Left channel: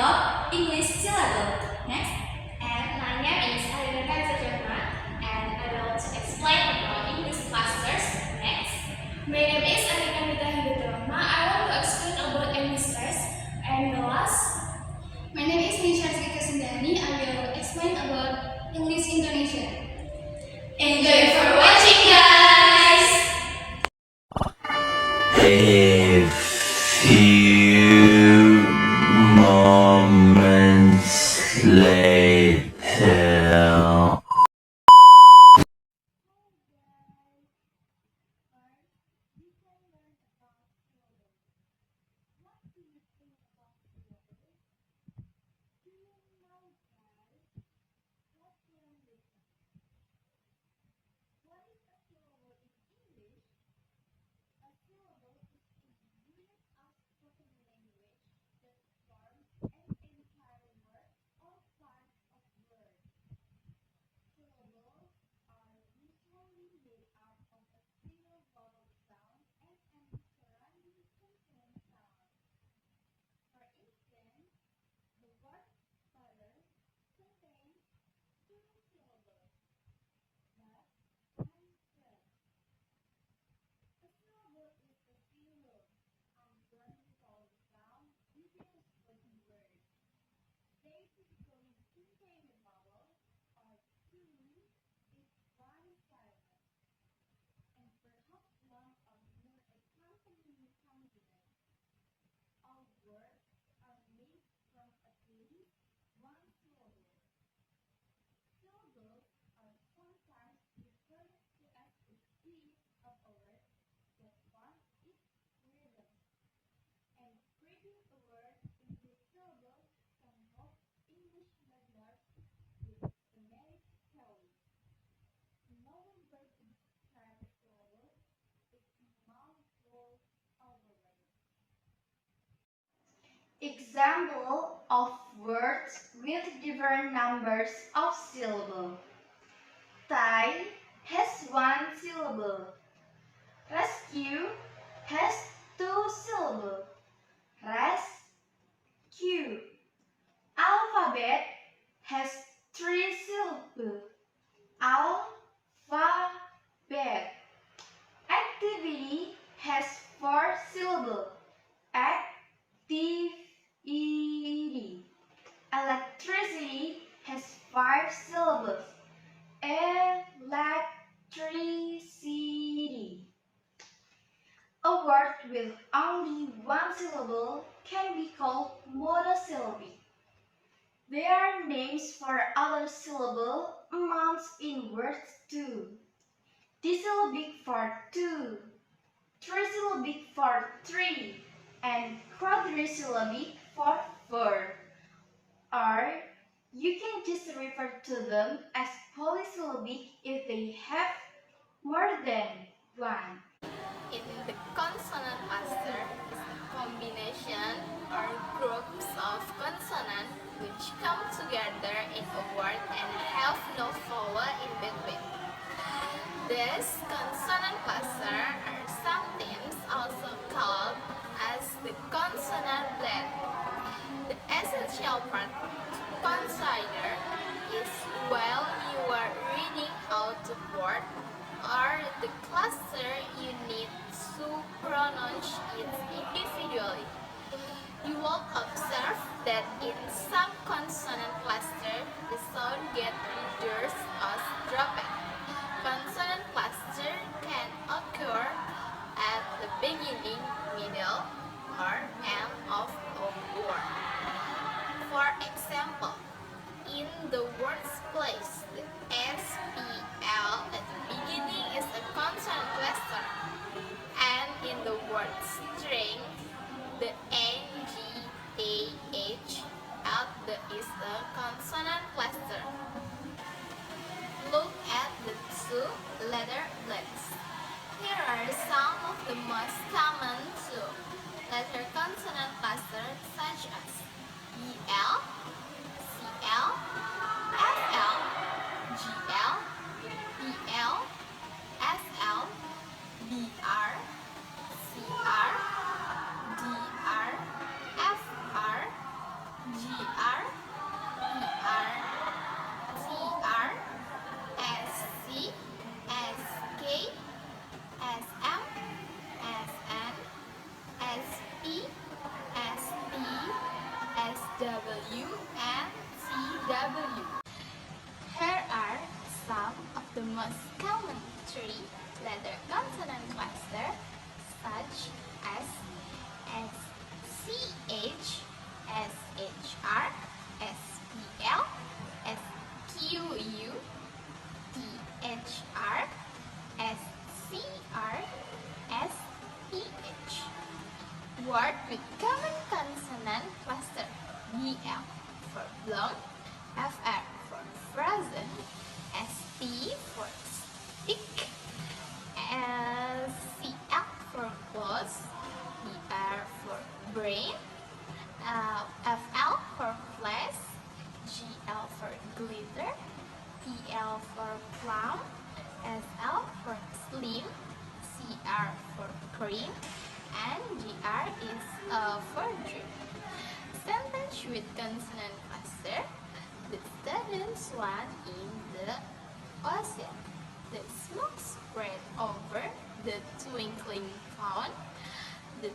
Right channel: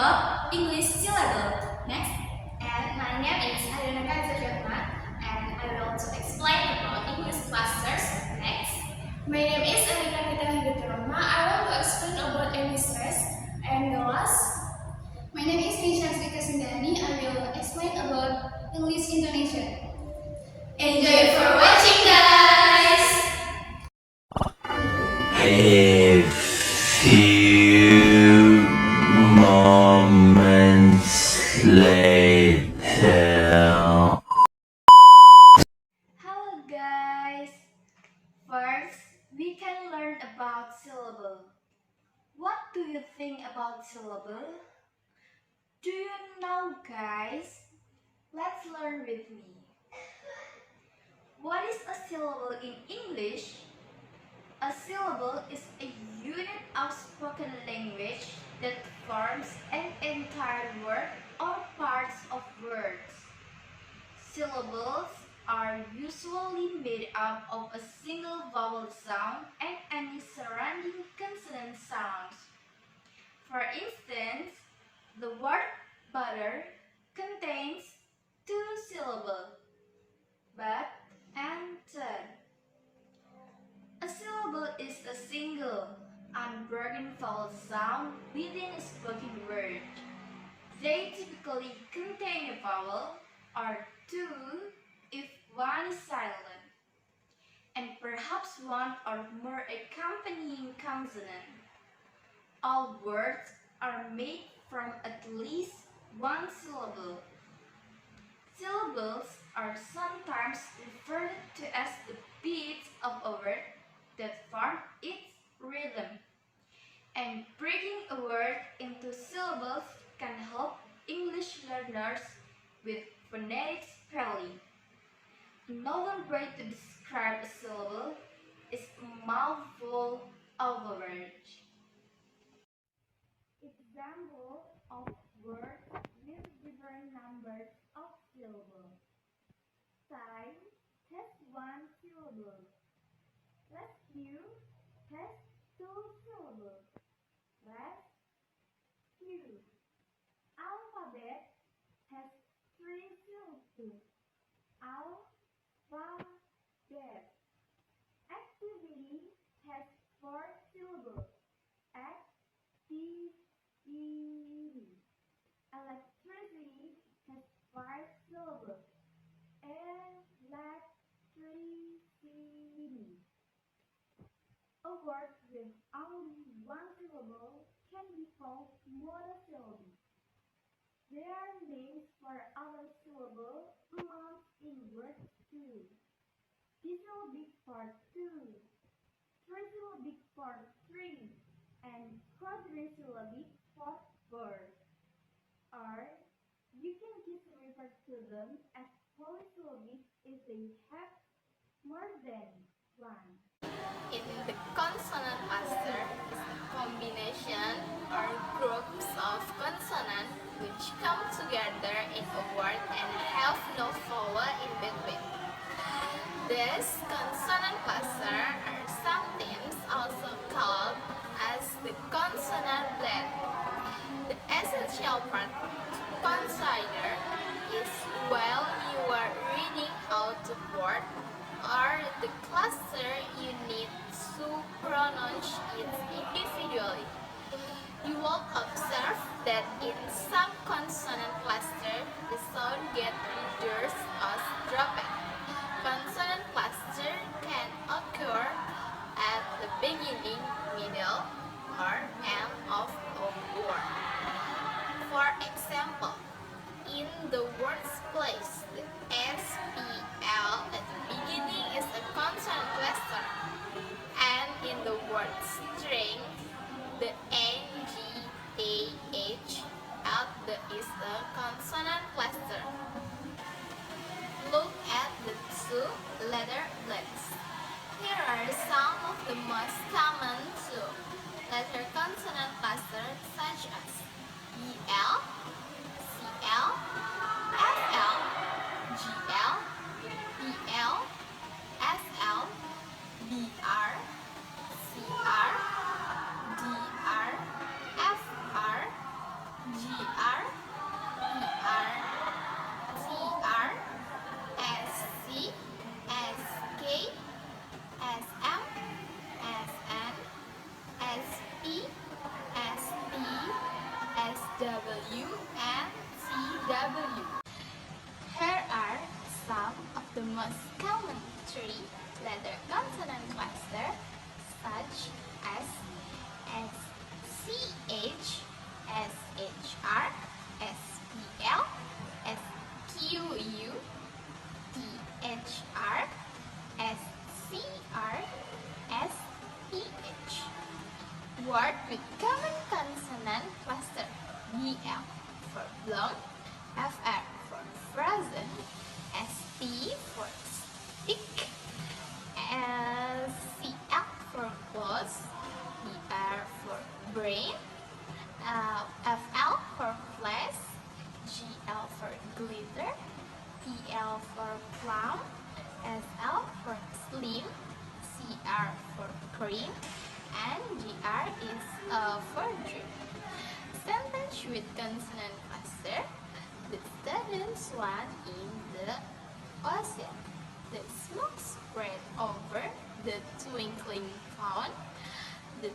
about English syllable. Next. And my name is Ahdana Syahma, and I will explain about English clusters. Next. My name is Erikanita. I want to explain about emissions. And the last. My name is Meisya. Sintyani. I will explain about English intonation. Enjoy for watching, guys! A few moments later. Hello, guys! First, we can learn about syllable. What do you think about syllable? Do you know, guys? Let's learn with me. What is a syllable in English? A syllable is a unit of spoken language that forms an entire word or parts of words. Syllables are usually made up of a single vowel sound and any surrounding consonant sounds. For instance, the word butter contains two syllables, but and turn. A syllable is a single, unbroken vowel sound within a spoken word. They typically contain a vowel or two if one is silent, and perhaps one or more accompanying consonant. All words are made from at least one syllable. Syllables are sometimes referred to as the beats of a word that form its rhythm. And breaking a word into syllables can help English learners with phonetic spelling. Another way to describe a syllable is a mouthful of a word. Example of words with different numbers of syllables. Tie has one syllable. Rescue has two syllables. Rescue. Alphabet has three syllables. Alphabet. Activity has four syllables. Activity. Electricity has five syllables. Electricity. A word with only one syllable can be called monosyllabic. There are names for other syllable amounts in words too. Disyllabic for two, trisyllabic for three, and quadrisyllabic for four. Or you can just refer to them as polysyllabic if they have more than one. In the consonant cluster is a combination or groups of consonants which come together in a word and have no vowel in between. This consonant cluster are sometimes also called as the consonant blend. The essential part to consider is while you are reading out the word or the cluster, you need to pronounce it individually. You will observe that in some consonant cluster, the sound gets reduced or dropped. Consonant cluster can occur at the beginning, middle, or end of a word. For example, in the word's place, the SPL at the beginning is a consonant cluster, and in the word string, the NGAH at the is a consonant cluster. Look at the two letter blends. Here are some of the most common two letter consonant clusters such as EL, CL, FL, GL, BL, SL, BR, CR, DR, FR, GR, W, and TW. Here are some of the most common three-letter consonant clusters, such as SCH, SHR, SPL, SQU, THR, SCR, SPH. Word with common consonant cluster: BL for blown, FR for frozen, ST for stick, CL for close, BR for brain, FL for flash, GL for glitter, PL for plum, SL for slim, CR for cream, and GR is for dream. Sentence with consonant cluster: the students land in the ocean. The smoke spread over the twinkling pond. The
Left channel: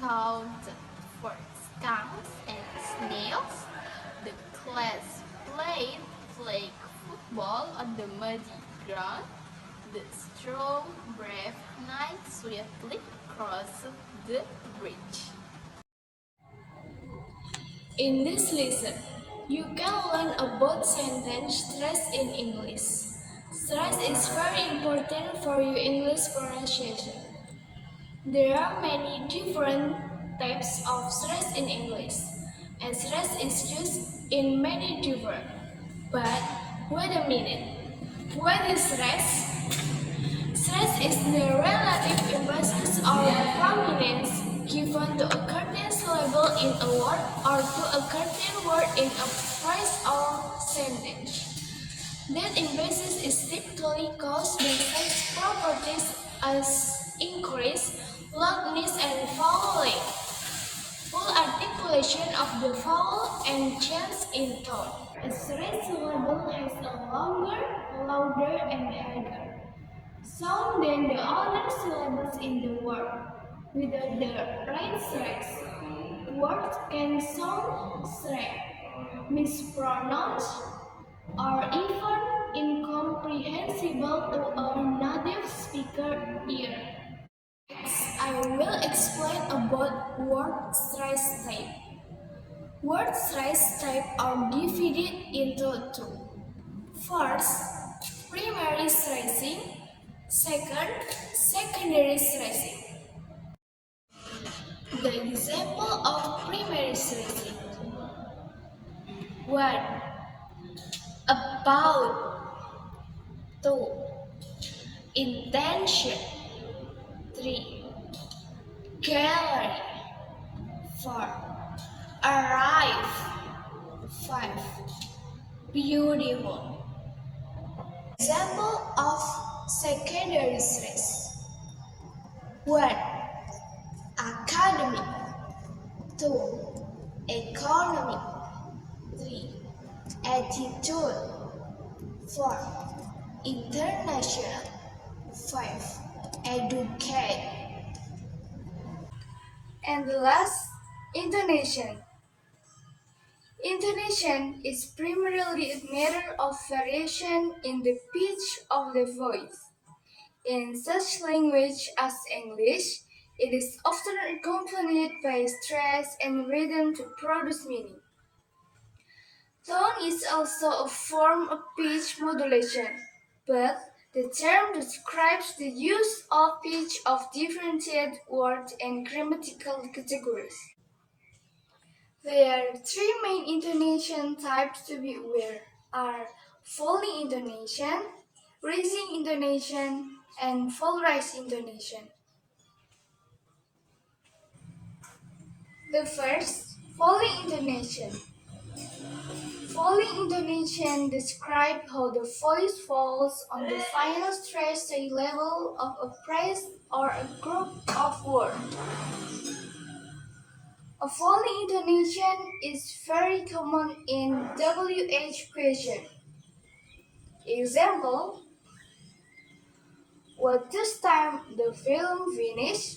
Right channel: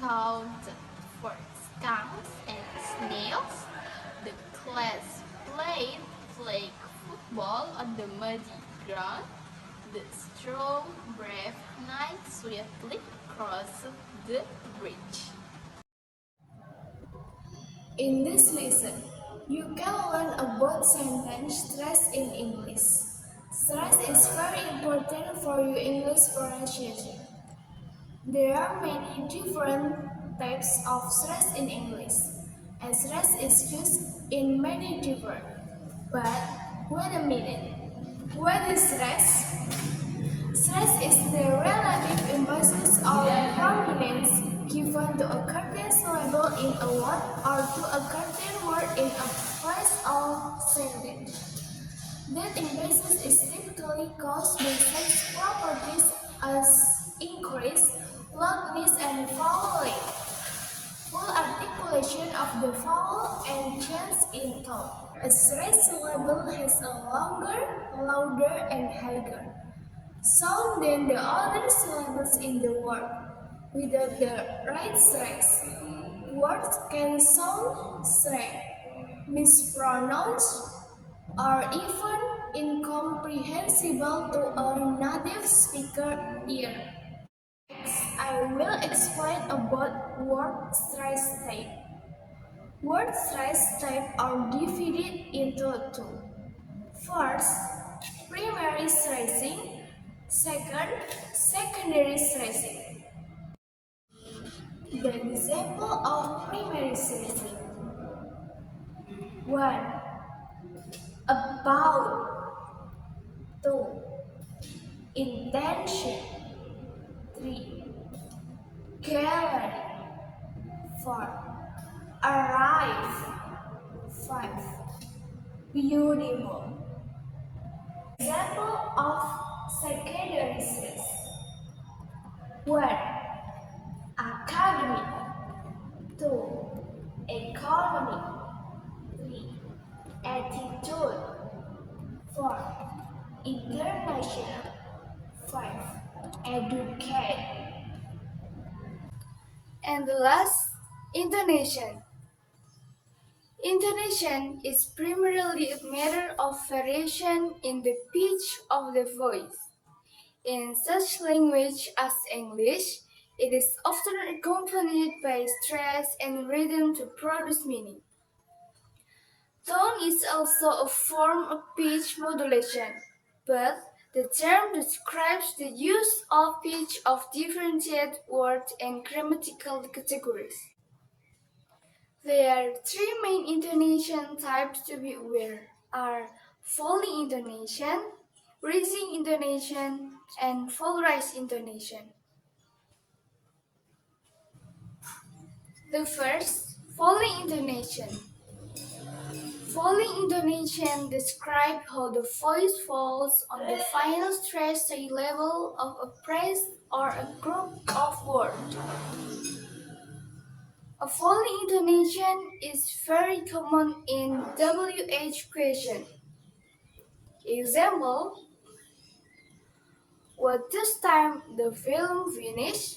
counted for skunks and snails. The class played flag football on the muddy ground. The strong, brave knight swiftly crossed the bridge. In this lesson, you can learn about sentence stress in English. Stress is very important for your English pronunciation. There are many different types of stress in English, and stress is used in many different. But wait a minute, what is stress? Stress is the relative emphasis or prominence given to a certain syllable in a word or to a certain word in a phrase or sentence. That emphasis is typically caused by such properties as increase, loudness, and vowel length, full articulation of the vowel, and change in tone. A stressed syllable has a longer, louder, and higher sound than the other syllables in the word. Without the right stress, words can sound strange, mispronounced, or even incomprehensible to a native speaker ear. Next, I will explain about word stress type. Word stress type are divided into two. First, primary stressing. Second, secondary stressing. The example of primary stressing: 1. About. 2. Intention. 3. Gallery. 4. Arrive. 5. Beautiful. Example of secondary stress: 1. Academic. 2. Economic. 3. Attitude. 4. International. 5. Educate. And the last, intonation. Intonation is primarily a matter of variation in the pitch of the voice. In such language as English, it is often accompanied by stress and rhythm to produce meaning. Tone is also a form of pitch modulation, but the term describes the use of pitch of differentiated words and grammatical categories. There are three main intonation types to be aware are falling intonation, rising intonation, and full rise intonation. The first, falling intonation. Falling intonation describes how the voice falls on the final stress level of a phrase or a group of words. A falling intonation is very common in WH question. Example: what this time the film finish?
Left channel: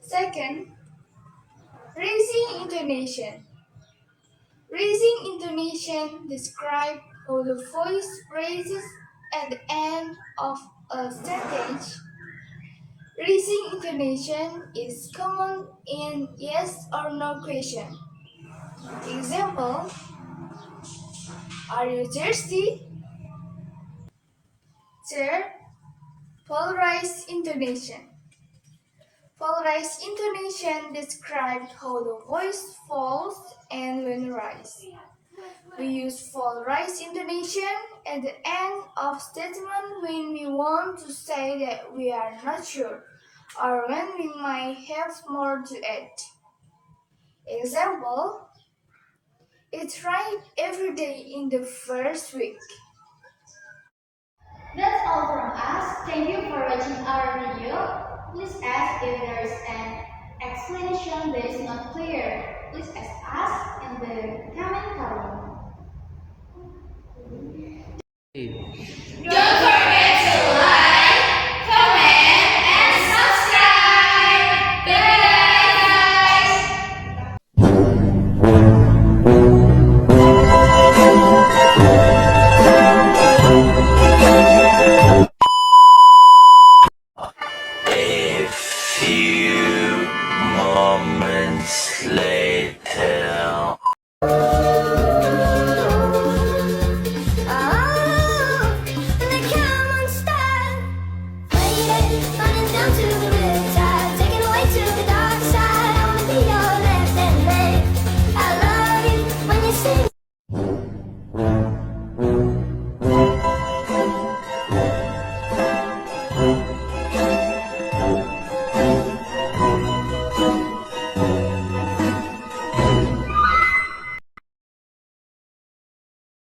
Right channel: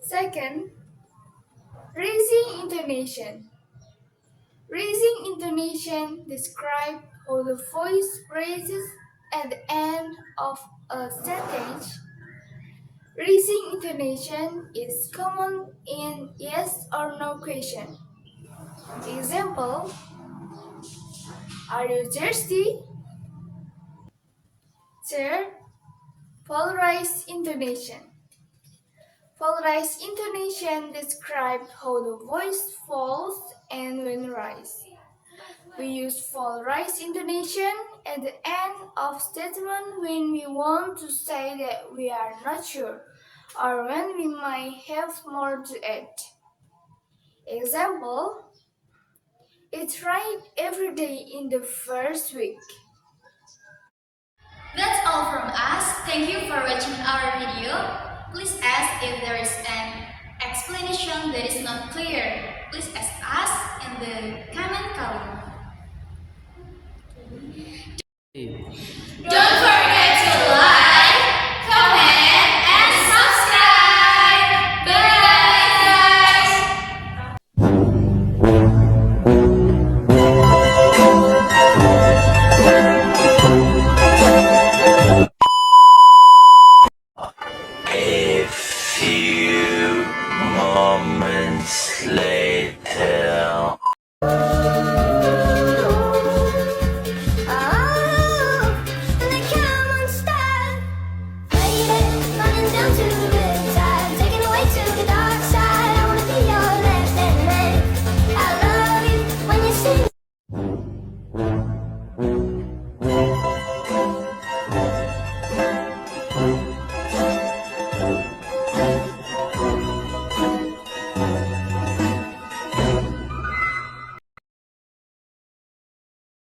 Second, intonation. Raising intonation describes how the voice raises at the end of a sentence. Raising intonation is common in yes or no question. Example, are you thirsty? Third, polarized intonation. Polarized intonation describes how the voice falls and when rise. We use polarized intonation at the end of statement when we want to say that we are not sure or when we might have more to add. Example, it's right every day in the first week. That's all from us. Thank you for watching our video. Please ask if there is an explanation that is not clear. Please ask us in the comment column. Don't forget to like, comment, and subscribe. A few moments later.